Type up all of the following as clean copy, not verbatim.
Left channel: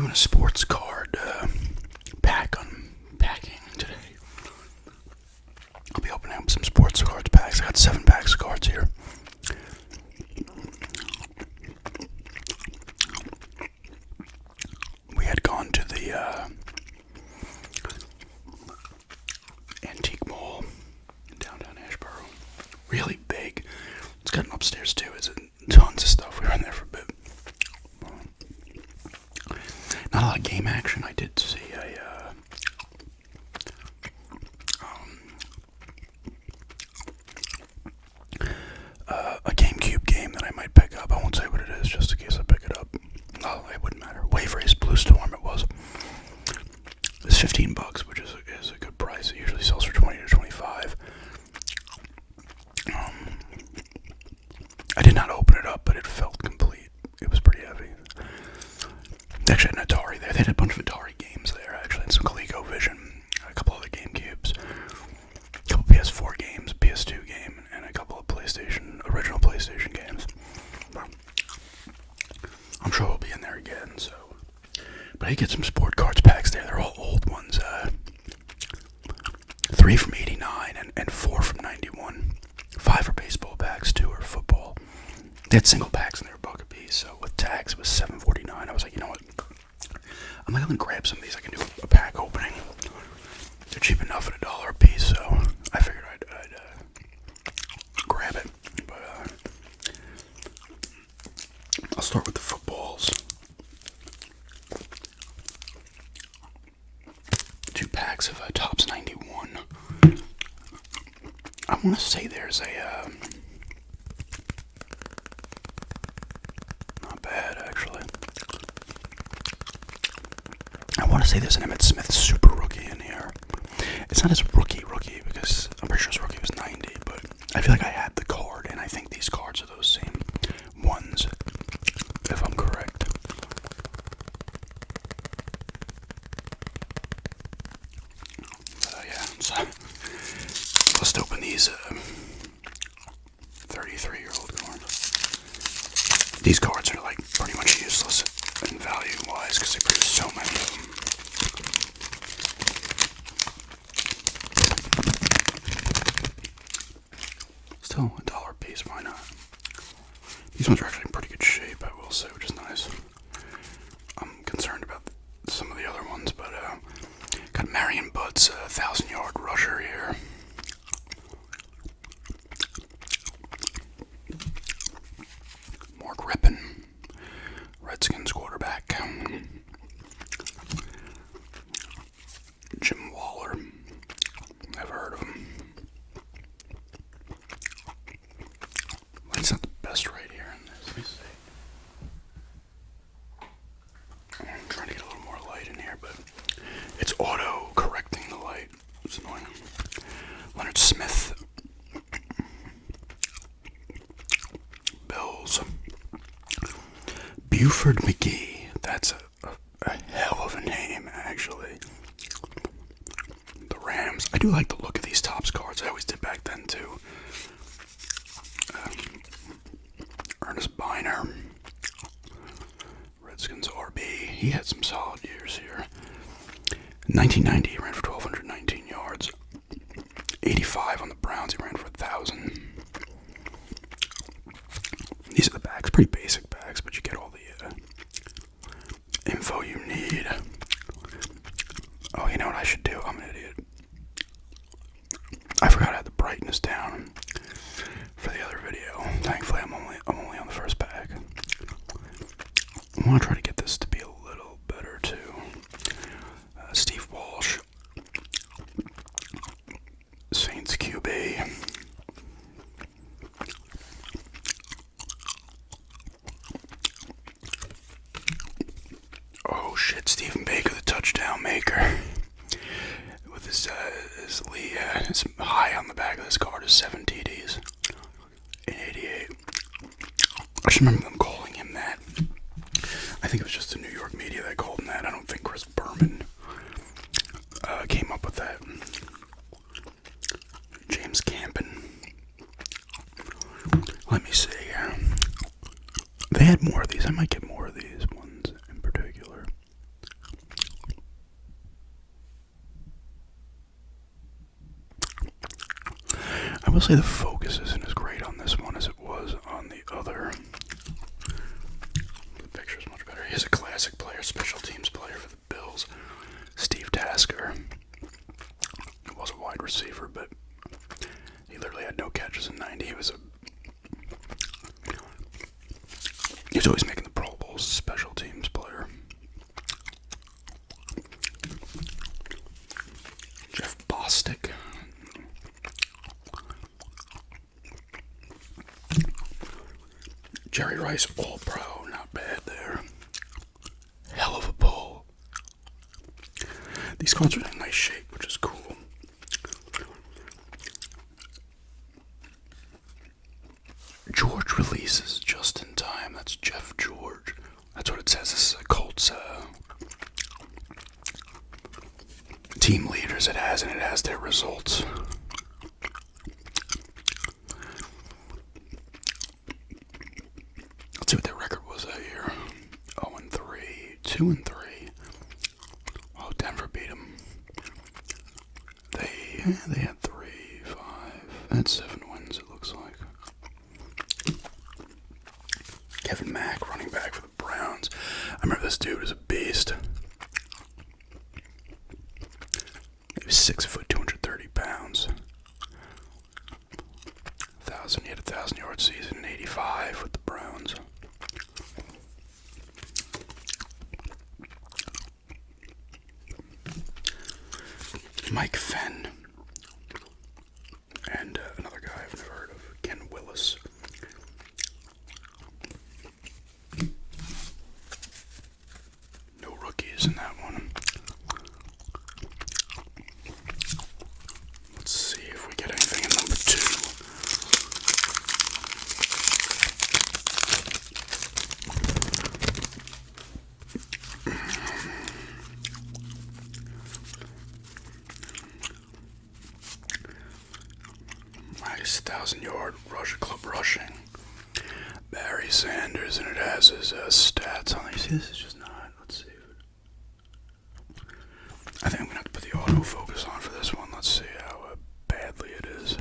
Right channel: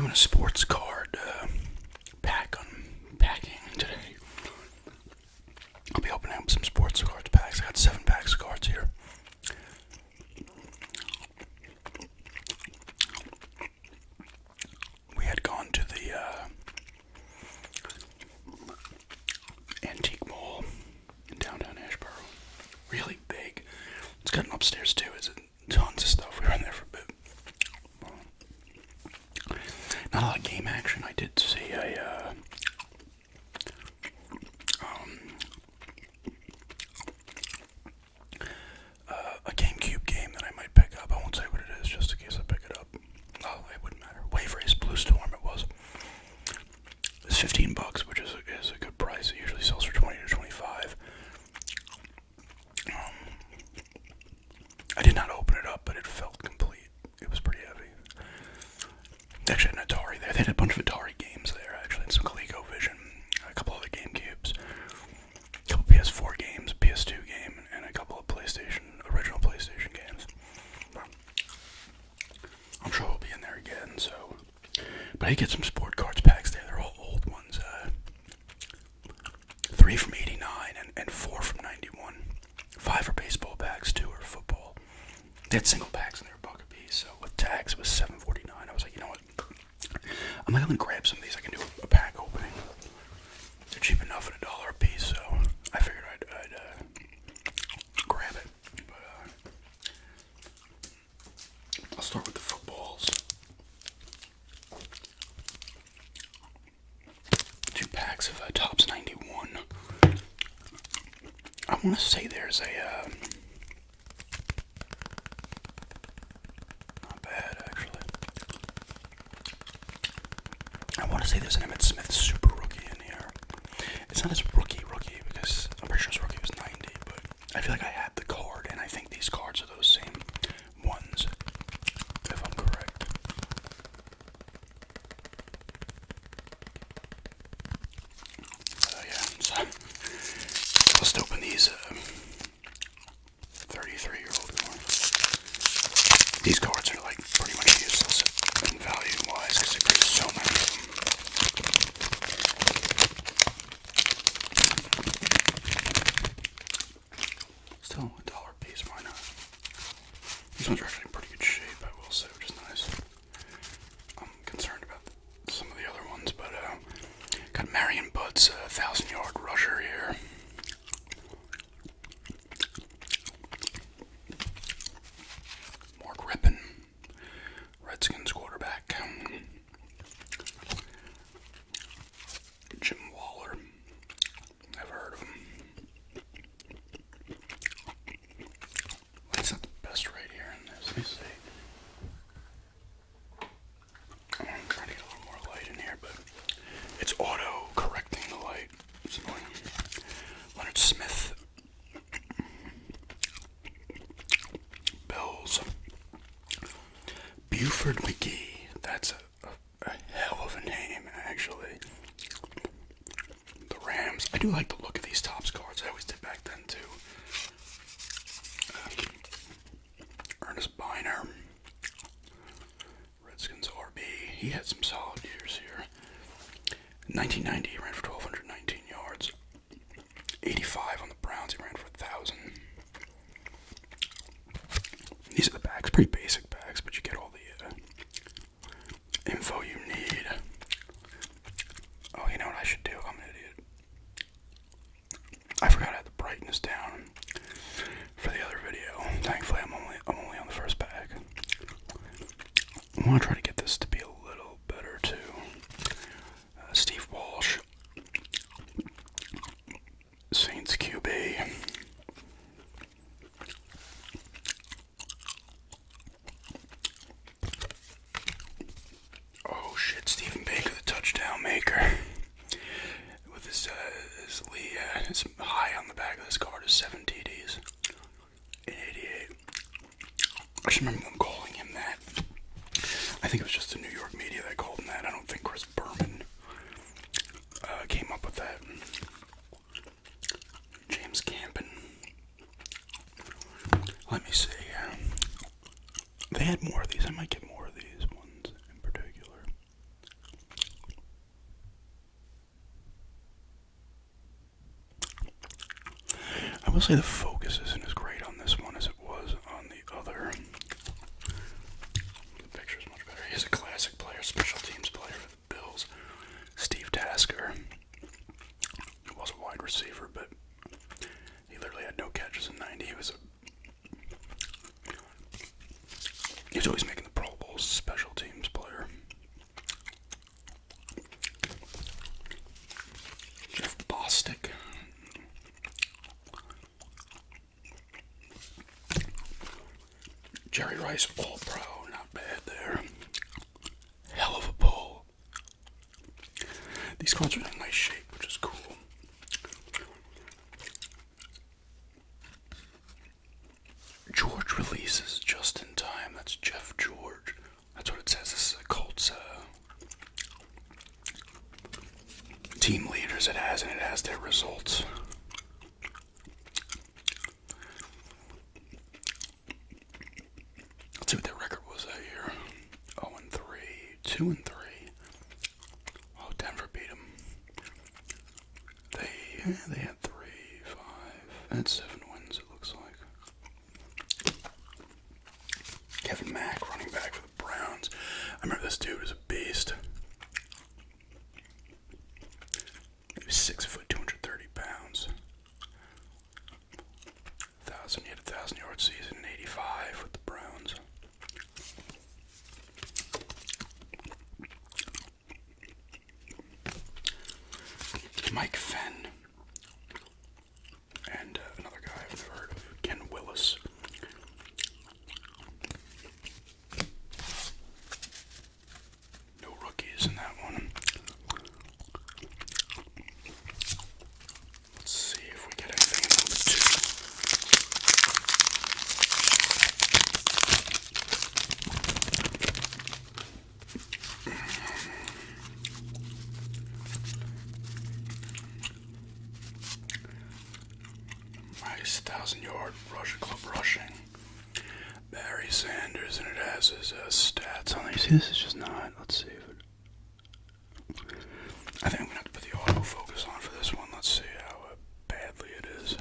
Doing a sports card pack unpacking today. I'll be opening up some sports cards packs. I got 7 packs of cards here. We had gone to the antique mall in downtown Asheboro. Really big. It's got an upstairs too. It's tons of stuff. We were in there for a bit. Not a lot of game action. I did see a GameCube game that I might pick up. I won't say what it is, just in case I pick it up. Oh, it wouldn't matter. Wave Race Blue Storm. It was. It's $15, which is a good price. It usually sells for $20 to $25. I did not open it up, but it felt complete. It was pretty heavy. They actually had an Atari there. They had a bunch of Atari games there, actually, and some ColecoVision, a couple other GameCubes, a couple PS4 games, a PS2 game, and a couple of original PlayStation games. I'm sure we'll be in there again, so. But I did get some sport cards packs there. They're all old ones. 3 from '89 and 4 from '91. 5 are baseball packs, 2 are football. They had single packs and they were $1 a piece, so with tax it was $7.49. I was like, you know what? I'm gonna grab some of these. I can do a pack opening. They're cheap enough at $1 a piece, so I figured I'd grab it. But I'll start with the footballs. 2 packs of Topps 91. I want to say there's a not bad actually. I want to say there's an Emmitt Smith Super Rookie in here. It's not his rookie because I'm pretty sure his rookie was 90, but I feel like I had the card, and I think these cards are those same ones, if I'm correct. Yeah, so let's open these 33-year-old cards. These cards are like pretty much useless in value-wise because they produce so many of them. Still $1 a piece, why not? These ones are actually in pretty good shape, I will say, which is nice. I'm concerned about some of the other ones, but got Marion Butt's 1,000-yard rusher here. Mark Rippon, Redskins quarterback. Jim Waller, never heard of him. Light's not the best right here in this. Let me see. I'm trying to get a little more light in here, but it's auto correcting the light. It's annoying. Leonard Smith. Bills. Buford McGee. That's a hell of a name, actually. The Rams. I do like the look of these Topps cards. I always did back then, too. Ernest Biner. Redskins RB. He had some solid years here. 1990, he ran for 1,219 yards. 85 on the Browns, he ran for 1,000. These are the backs, pretty basic backs, but you get all the info you need. Oh, you know what I should do? I'm an idiot. I forgot I had the brightness down for the other video. Thankfully, I'm only on the first pack. I want to try to get this to be a little better too. Steve Walsh, Saints QB. Oh shit, Stephen Baker, the touchdown maker. With his high on the back of this card is 7 TDs in 88. I just remember them calling him that. I think it was just the New York media that called him that. I don't think Chris Berman came up with that. James Campen. Let me see here. They had more of these. I might get more of these ones in particular. I will say the focus isn't as great on this one as it was on the other. The picture's much better. He's a classic player, special teams player for the Bills. Steve Tasker. He was a wide receiver, but he literally had no catches in 90. He was always making the Pro Bowls, special teams player. Jeff Bostic. Jerry Rice, All-Pro, not bad there. Hell of a pull. These cards are in nice shape, which is cool. George releases just in time. That's Jeff George. That's what it says. This is a Colts team leaders it has, and it has their results. Let's see what their record was that year. 0-3, 2-3. Oh, Denver beat them. They had 3, 5. They had 7 wins, it looks like. Kevin Mack, running back for the Browns. I remember this dude was a beast. He was 6 foot, 230 pounds. He had a 1,000-yard season in '85 with the Browns. Mike Fenn. And another guy I've never heard of, Ken Willis. No rookies in that one. Let's see if we get anything in number 2. Nice 1,000-yard club rushing. Barry Sanders, and it has his stats on there. See, this is just not. Let's see. I think I'm gonna have to put the autofocus on for this one. Let's see how badly it is.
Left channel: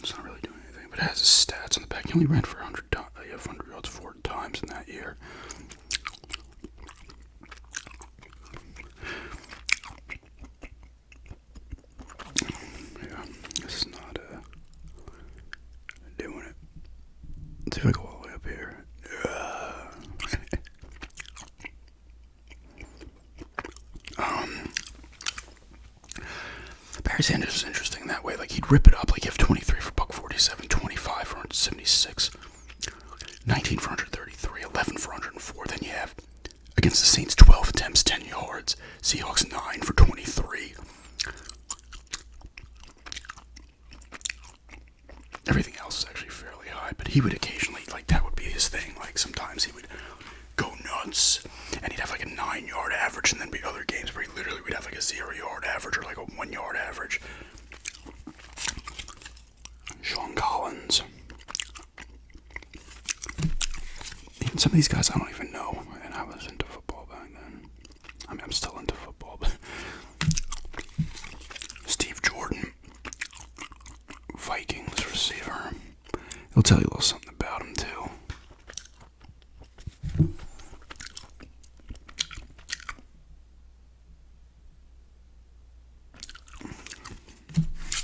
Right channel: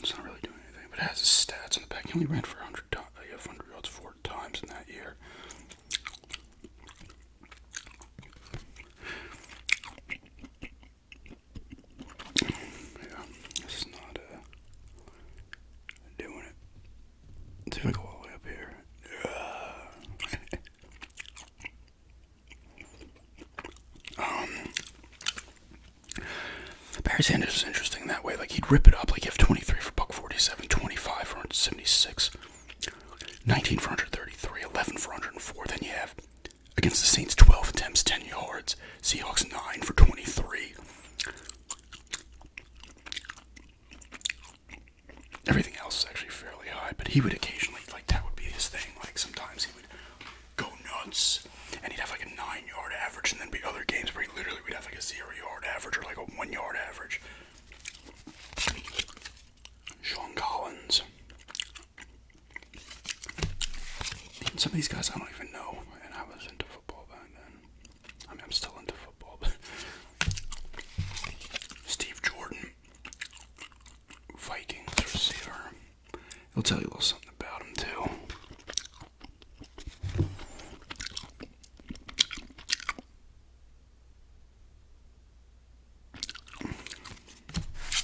It's not really doing anything, but it has his stats on the back. He only ran for 100 yards 4 times in that year. Yeah, this is not doing it. Let's see if I go all the way up here. Barry Sanders was interesting that way. Like, he'd rip it up. Like, you have 23 for $147, 25 for 176, 19 for 133, 11 for 104. Then you have, against the Saints, 12 attempts, 10 yards. Seahawks, 9 for 23. Everything else is actually fairly high, but he would occasionally, like, that would be his thing. Like, sometimes he would go nuts, and he'd have like a 9-yard average, and then be other games where he literally would have like a 0-yard average or like a 1-yard average. Sean Collins. Even some of these guys I don't even know, and I was into football back then. I mean, I'm still into football, but Steve Jordan, Vikings receiver. He'll tell you a little something about him too.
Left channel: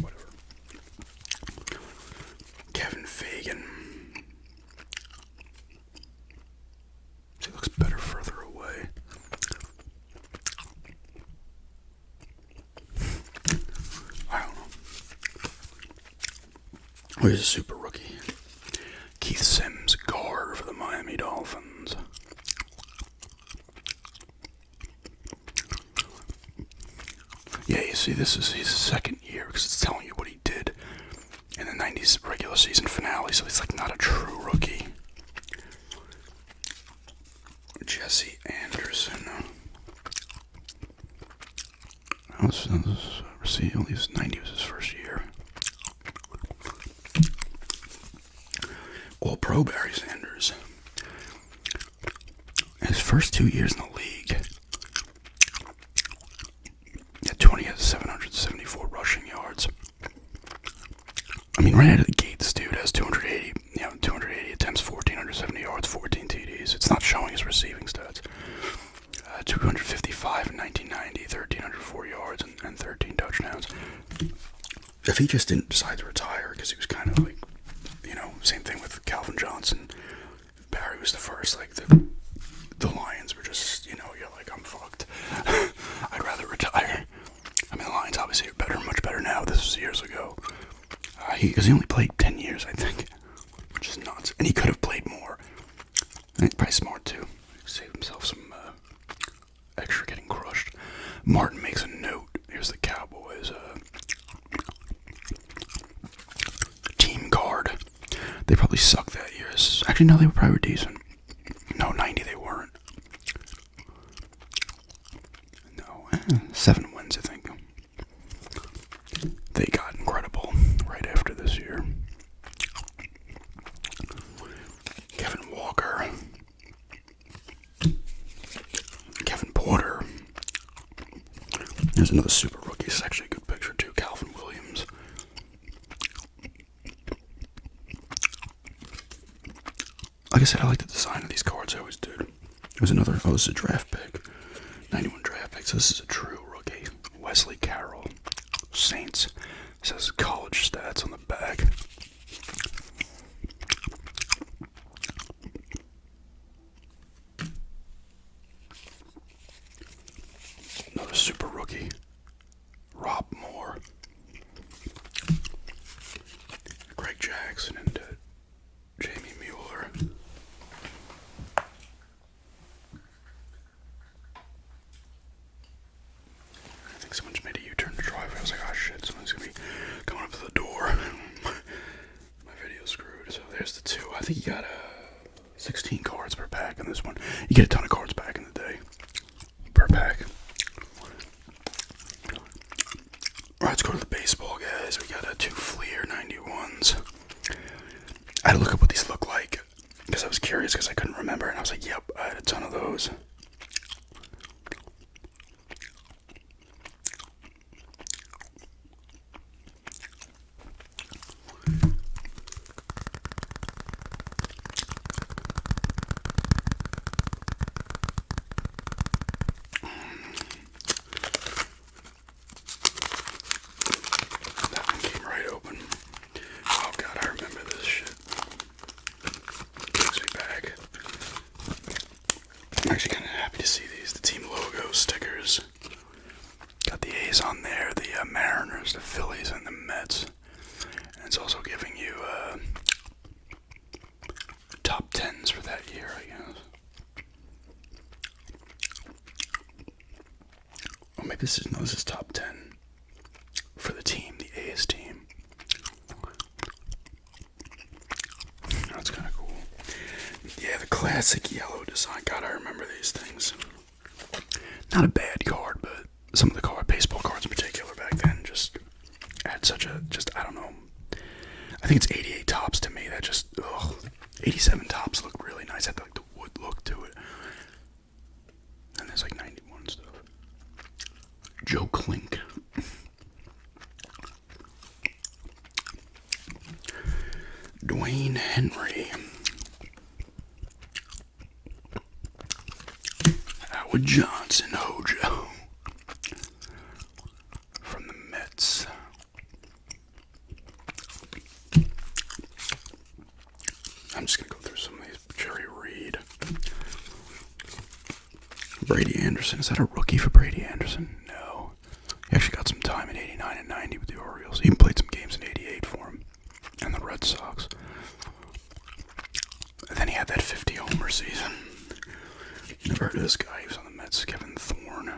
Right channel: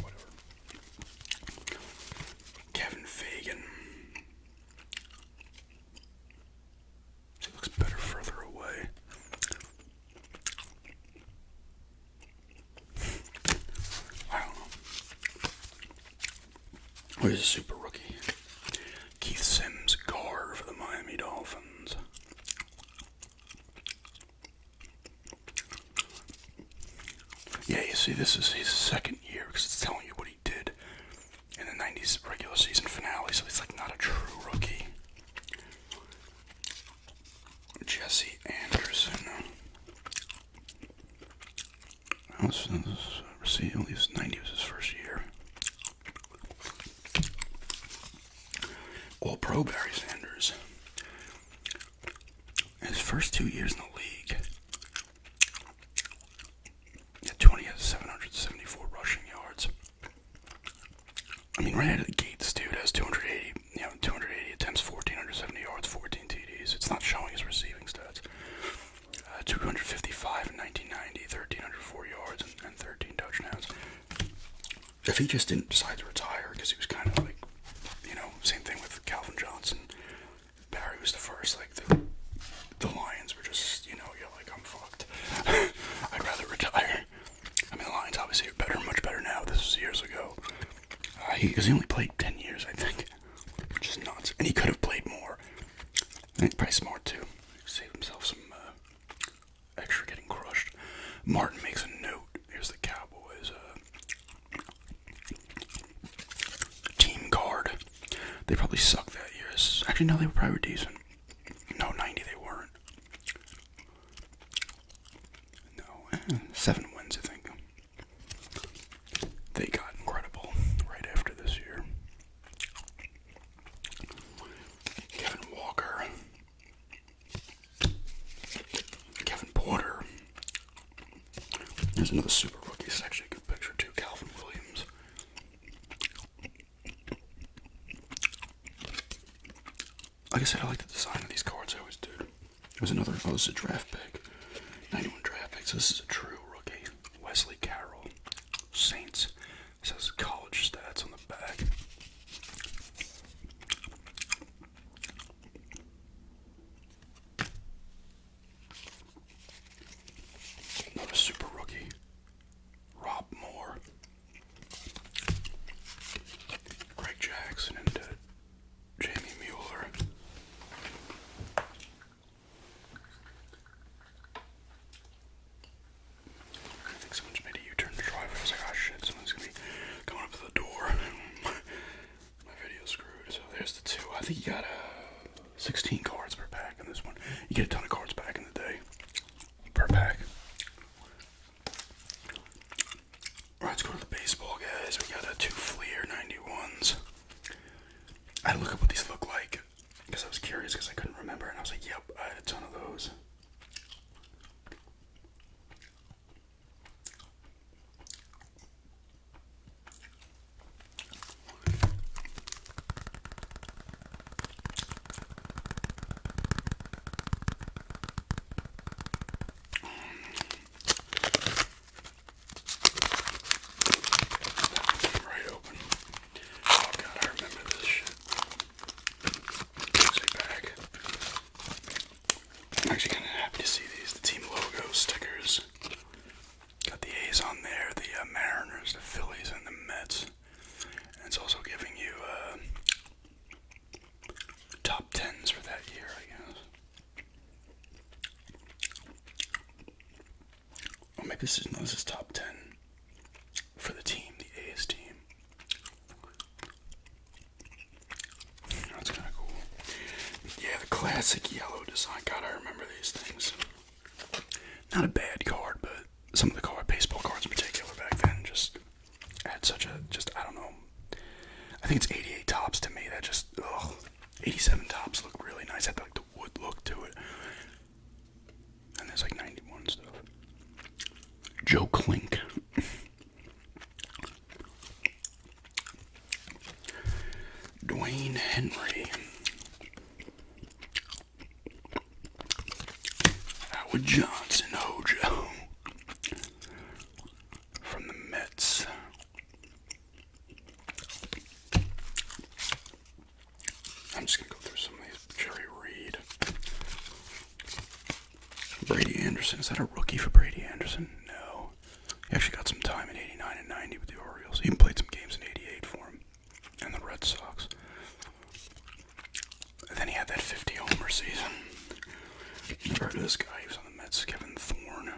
Whatever. Kevin Fagan. He looks better further away. I don't know. Where's a super rookie? Keith Sims, guard for the Miami Dolphins. Yeah, you see, this is his second year because it's telling you what he did in the 90s regular season finale, so he's like not a true rookie. Jesse Anderson. He was 90 was his first year. All-Pro Barry Sanders. His first 2 years in the league, he had 774 rushing yards. I mean, right out of the gate, this dude has 280 attempts, 1,470 yards, 14 TDs. It's not showing his receiving stats. 255 in 1990, 1,304 yards, and 13 touchdowns. If he just didn't decide to retire, because he was kind of like, same thing with Calvin Johnson. Barry was the first, like, the Lions were just, you're like, I'm fucked. I'd rather retire. I mean, the Lions obviously are better, much better now. This was years ago. Because he only played 10 years, I think, which is nuts. And he could have played more. And he's probably smart, too. Save himself some extra getting crushed. Martin makes a note. Here's the Cowboys. Team guard. They probably sucked that year. Actually, no, they were probably decent. No, 90 they weren't. No, 7 wins, I think. They got incredible right after this year. Kevin Walker. Kevin Porter. There's another super rookie. It's actually a good picture, too. Calvin Williams. Like I said, I like the design of these cards. I always did. There's another. Oh, this is a draft pick. 91 draft pick. So this is a true rookie. Wesley Carroll. Saints. It says college stats on the back. Another super rookie. Rob Moore. Greg Jackson and Jamie Mueller. I think someone just made a U-turn in the driveway. I was like, oh shit, someone's gonna be coming up to the door. My video's screwed. So there's the 2. I think you got 16 cards per pack in this one. You get a ton of cards back in the day. Per pack. Alright, let's go to the baseball, guys. We got 2 Fleer 91s. I had to look up what these look like because I was curious because I couldn't remember, and I was like, yep, I had a ton of those. That one came right open. Oh god, I remember this shit. Takes me back. I'm actually kind of happy to see these. The team logo stickers. Got the A's on there, the Mariners, the Phillies, and the Mets. And it's also giving you top 10s for that year, I guess. Or maybe this is top 10 for the team, the A's team. That's kind of cool. Yeah, the classic yellow design. God, I remember these things. Not a bad card, but some of the baseball cards in particular back then just had such a, I don't know. I think it's 88 tops to me. That just, 87 tops look really nice. Had like the wood look to it. And there's like 91 stuff. Joe Klink. Dwayne Henry. Howard Johnson, Hojo. From the Mets. I'm just going to go through some of these. Jerry Reed. Brady Anderson. Is that a rookie for Brady Anderson? No. He actually got some time in 89 and 90 with the Orioles. He even played some games in 88 for him. And the Red Sox. And then he had that 50 homer season. Never heard of this guy. He was on the Mets. Kevin Thorne.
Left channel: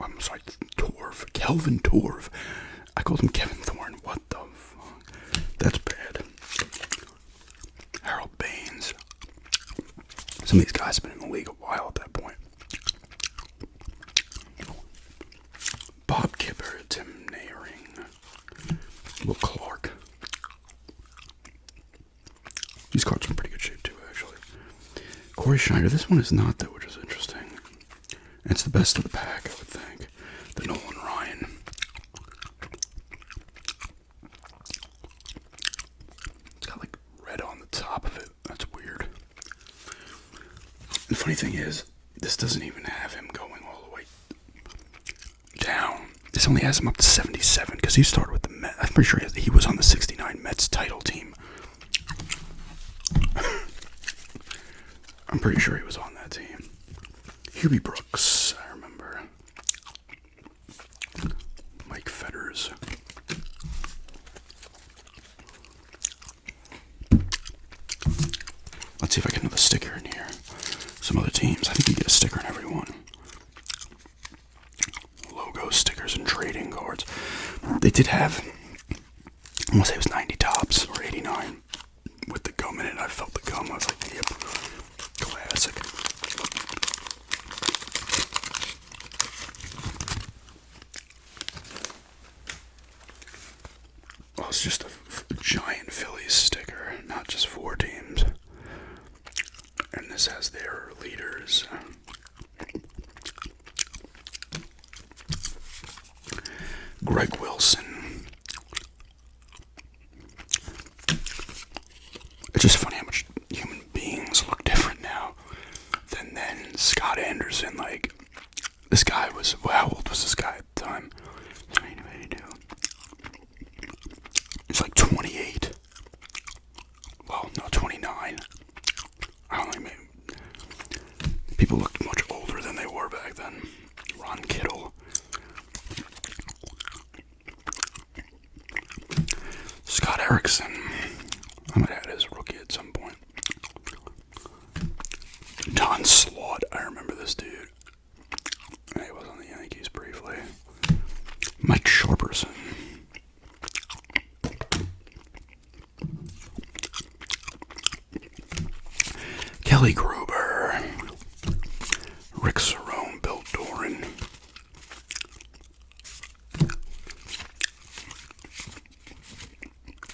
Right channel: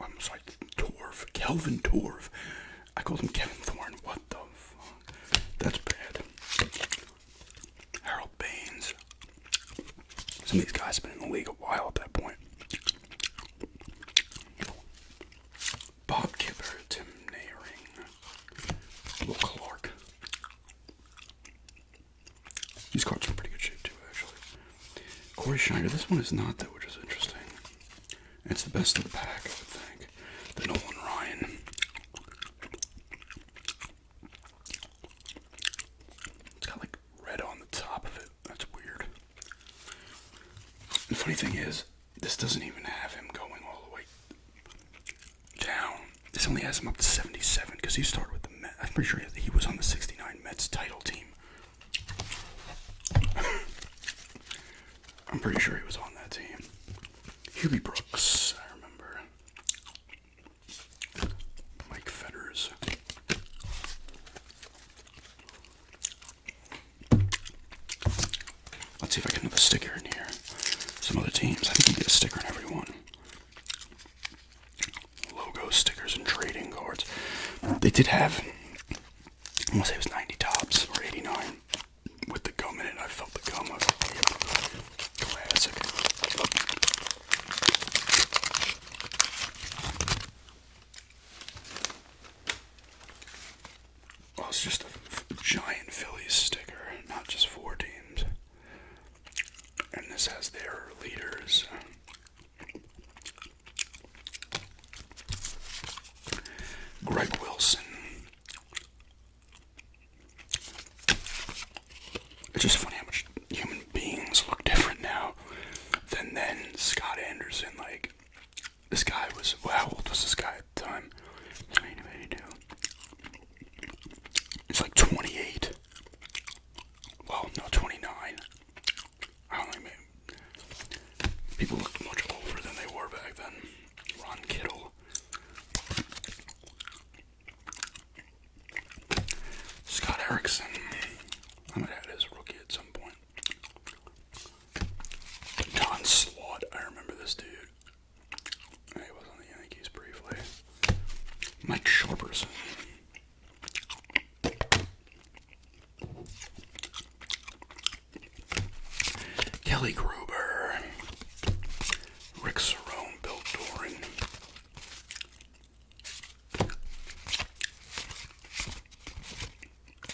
I'm sorry, Torv. Kelvin Torv. I called him Kevin Thorne. What the fuck? That's bad. Harold Baines. Some of these guys have been in the league a while at that point. Bob Kipper, Tim Nehring, Will Clark. These cards are in pretty good shape too, actually. Corey Schneider. This one is not though, which is interesting. It's the best of the pack, I would think. The Nolan Ryan. It's got like red on the top of it. That's weird. The funny thing is, this doesn't even have him going all the way down. This only has him up to 77 because he started with the Mets. I'm pretty sure he was on the 69 Mets title team. I'm pretty sure he was on that team. Hubie Brooks, I remember. Mike Fetters. Let's see if I get another sticker in here. Some other teams. I think you get a sticker in every one. Logo stickers and trading cards. They did have, I want to say it was 90 tops or 89 with the gum in it. I felt the gum. I was like, yep, classic. Well, it's just a giant Phillies sticker, not just 4 teams. And this has their leaders. Greg Wilson. It's just funny how much human beings look different now than then. Scott Anderson, like, this guy was, well, how old was this guy at the time? 1982. He's like 28. Well, no, 29. I don't know, maybe. People looked much older than they were back then. Ron Kittle. Scott Erickson. I might have had his rookie at some point. Don Slaught. I remember this dude. He was on the Yankees briefly. Mike Sharperson. Kelly Gruber. Rick Cerrone. Bill Doran.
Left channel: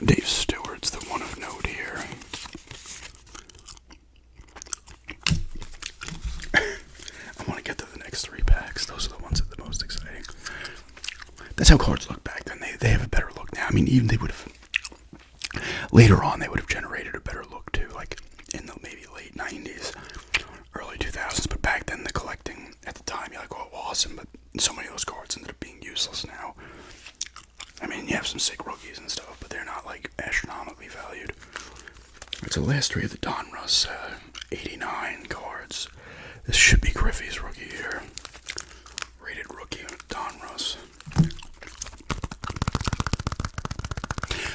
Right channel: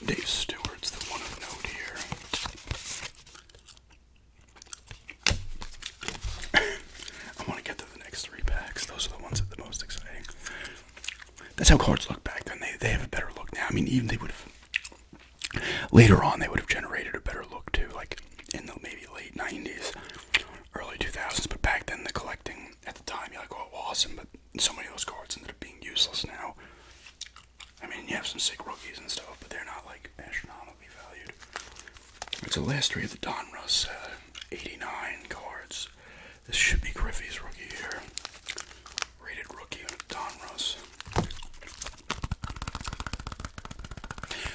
Dave Stewart's the one of note here. I want to get to the next 3 packs. Those are the ones that are the most exciting. That's how cards look back then. They have a better look now. I mean, even they would have, later on, they would have generated a better look too, like in the maybe late 90s, early 2000s. But back then, the collecting at the time, you're like, oh, awesome. But so many of those cards ended up being useless now. I mean, you have some sick rookies and stuff, but they're not like astronomically valued. It's the last 3 of the Donruss 89 cards. This should be Griffey's rookie here. Rated rookie Donruss.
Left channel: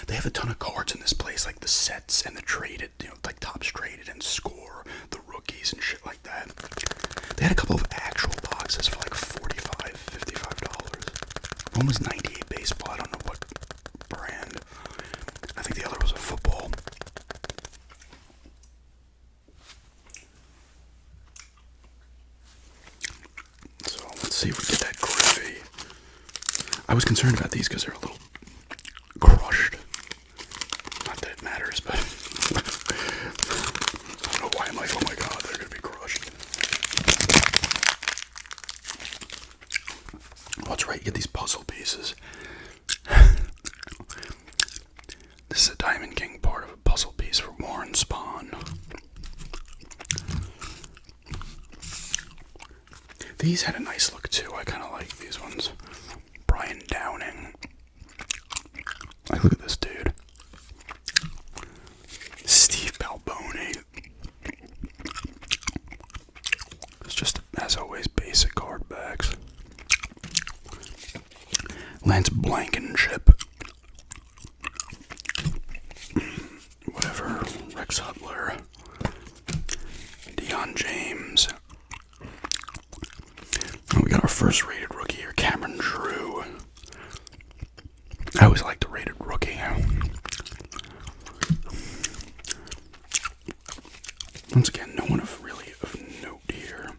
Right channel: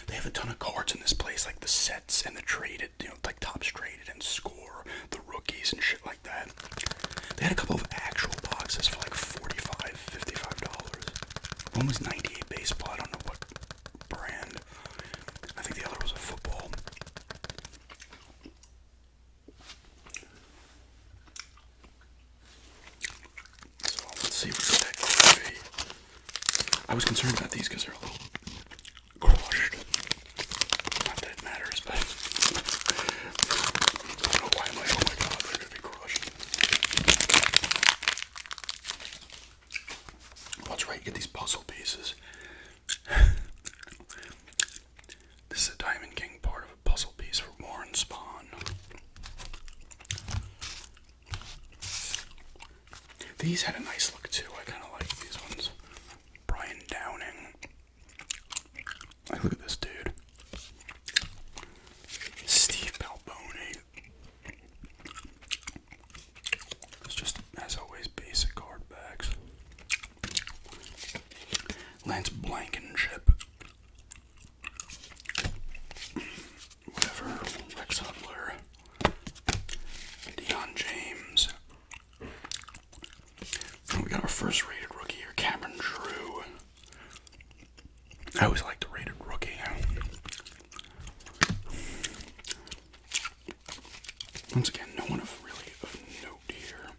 They have a ton of cards in this place, like the sets and the traded, like Topps traded and score, the rookies and shit like that. They had a couple of actual boxes for like $45, $55. One was 98 baseball. I don't know what brand. I think the other was a football. So let's see if we get that Griffey. I was concerned about these because they're a little crushed. Not that it matters, but I don't know why I'm like, oh my god, they're gonna be crushed. Oh, that's right, you get these puzzle pieces. This is a Diamond King part of a puzzle piece for Warren Spahn. These had a nice look too. I kind of like these ones. Brian Downing. Like, look at this dude. Steve Balboni. It's just, as always, basic card backs. Lance Blankenship. Whatever. Rex Hudler. Deion James. And we got our first rated rookie here, Cameron Drew. I always like the rated rookie. Once again, no one of really of note here.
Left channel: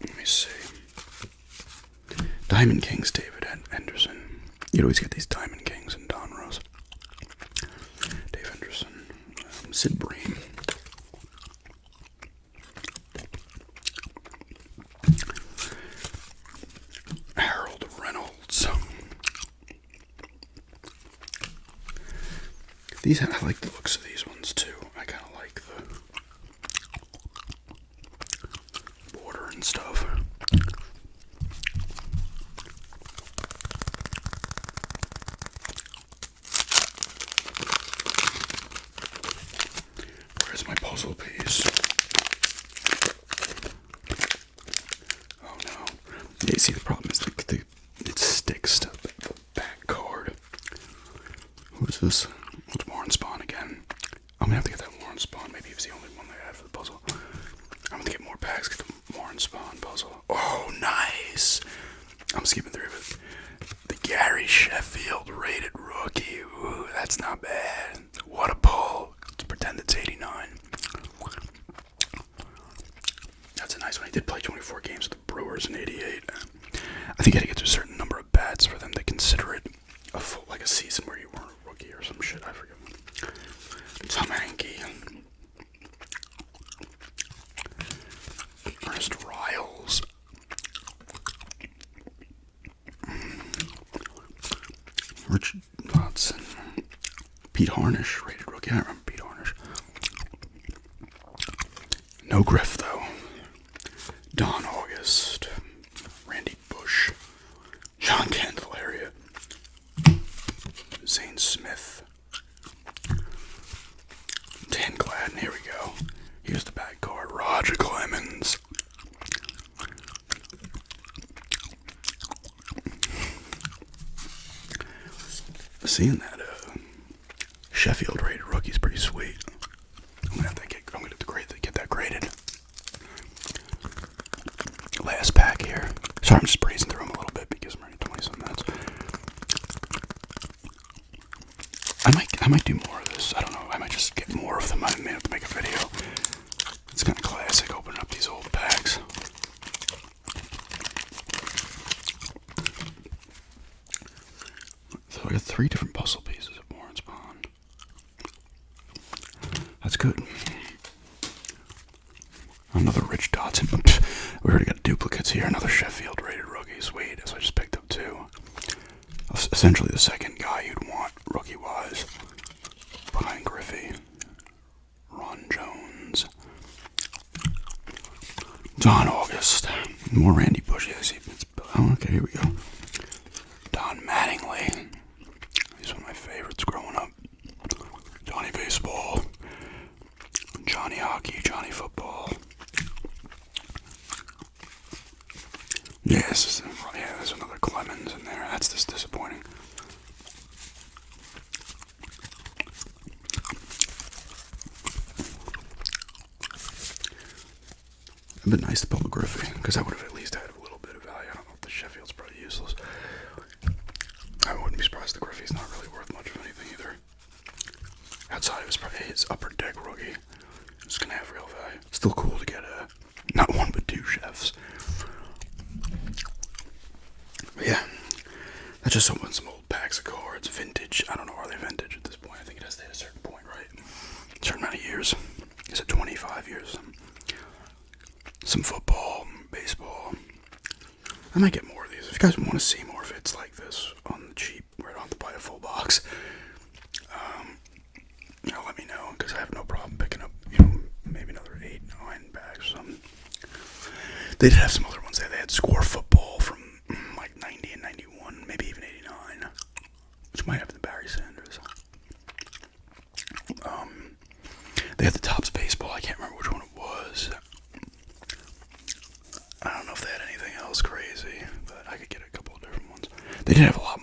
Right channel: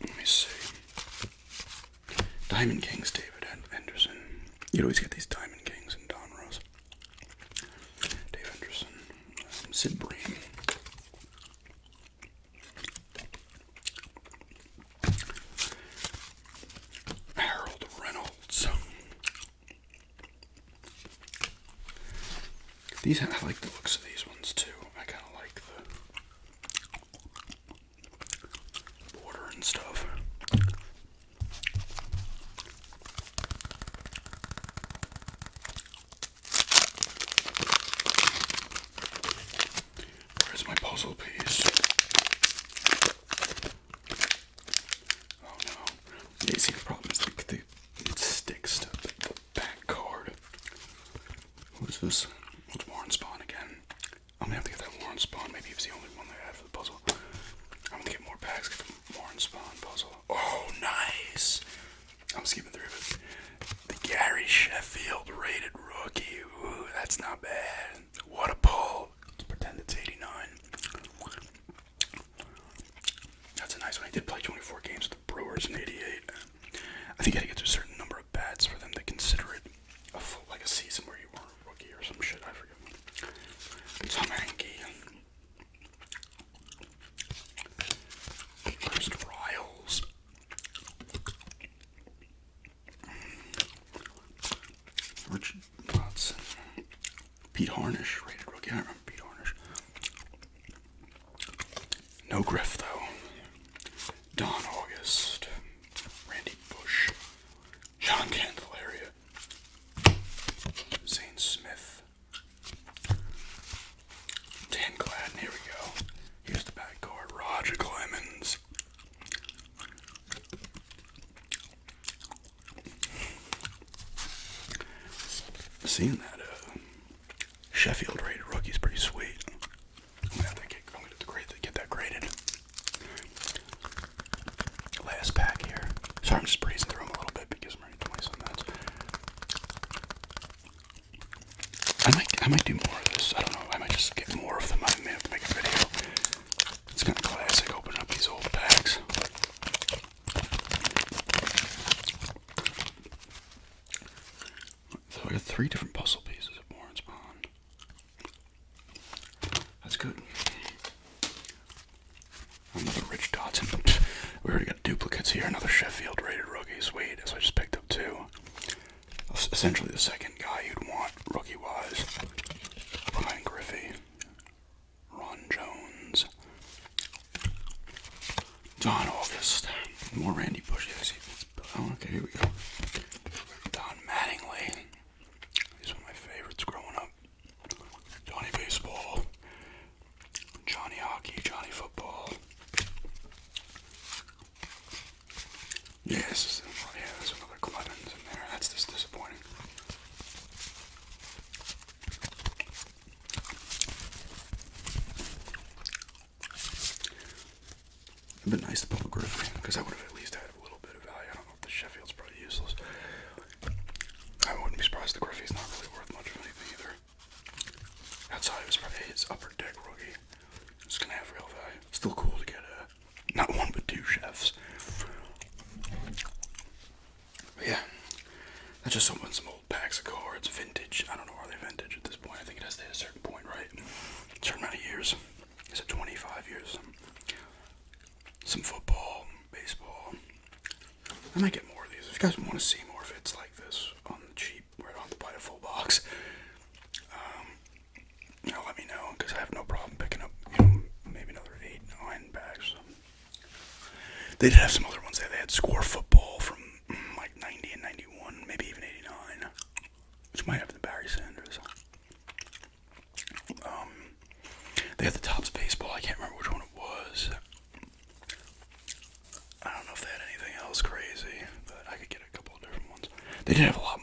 Let me see. Diamond Kings, David Henderson. You'd always get these Diamond Kings and Donruss. Dave Henderson. Sid Bream. I like the looks of these ones too. I kind of like the border and stuff. Where's my puzzle piece? Oh no. Yeah, see, the problem is it sticks to the back card. What is this? What's Warren Spawn again? I'm gonna have to get that Warren Spawn. Maybe he was the only one they had for the puzzle. I'm gonna get more packs, get the Warren Spawn puzzle. Oh, nice! I'm skipping through it. The Gary Sheffield rated rookie. Ooh, that's not bad. What a pull. Let's pretend it's 89. That's a nice one. He did play 24 games with the Brewers in 88. I think you had to get to a certain number of bats for them to consider it a full, like a season where you weren't a rookie or some shit. I forget. Tom Hanke. Ernest Riles. Richard Watson. Pete Harnish, rated rookie. I remember Pete Harnish. No Griff, though. Don August. Randy Bush. John Candelaria. Zane Smith. Dan Gladden, here we go. Here's the back card. Roger Clemens. Seeing that Sheffield rated rookie's pretty sweet. I'm gonna get that graded. Last pack here. Sorry, I'm just breezing through them a little bit because I'm already 20-some minutes. I might do more of this. I don't know. I might just get more of them. I may have to make a video. It's kind of classic opening up these old packs. So I got 3 different puzzle pieces of Warren Spawn. That's good. Another Rich Dotson. We already got duplicates here. Another Sheffield rated rookie. Sweet. So I just picked up 2. Essentially the second guy you'd want rookie-wise. Behind Griffey. Ron Jones. Don August. More Randy Bush. Yeah, see, oh, okay, here we go. Don Mattingly. He's one of my favorites growing up. Johnny Baseball. Johnny Hockey. Johnny Football. Yes, yeah, there's another Clemens in there. That's just disappointing. It'd been nice to pull a Griffey, because I would have at least had a little bit of value. I don't know if the Sheffield's probably useless. I wouldn't be surprised the Griffey's not really worth much of anything either. Outside of his upper deck rookie, it's gonna have real value. Still cool to get not 1 but 2 chefs. But yeah, that's just some old packs of cards. Vintage. I don't know, are they vintage at this point? I think it has to hit a certain point, right? A certain amount of years. Is it 25 years? Some football, baseball. I might get more of these. If you guys want to see more vids like this on the cheap, where I don't have to buy a full box, let me know, because I have no problem picking up, maybe another 8, 9 packs. They did have some other ones there. They had Score Football from like 90 and 91, maybe even 89, which might have the Barry Sanders. They had the Topps Baseball. I can't remember which one it was. I don't know if they had anything else crazy, but I could get a couple of different ones. They did have a lot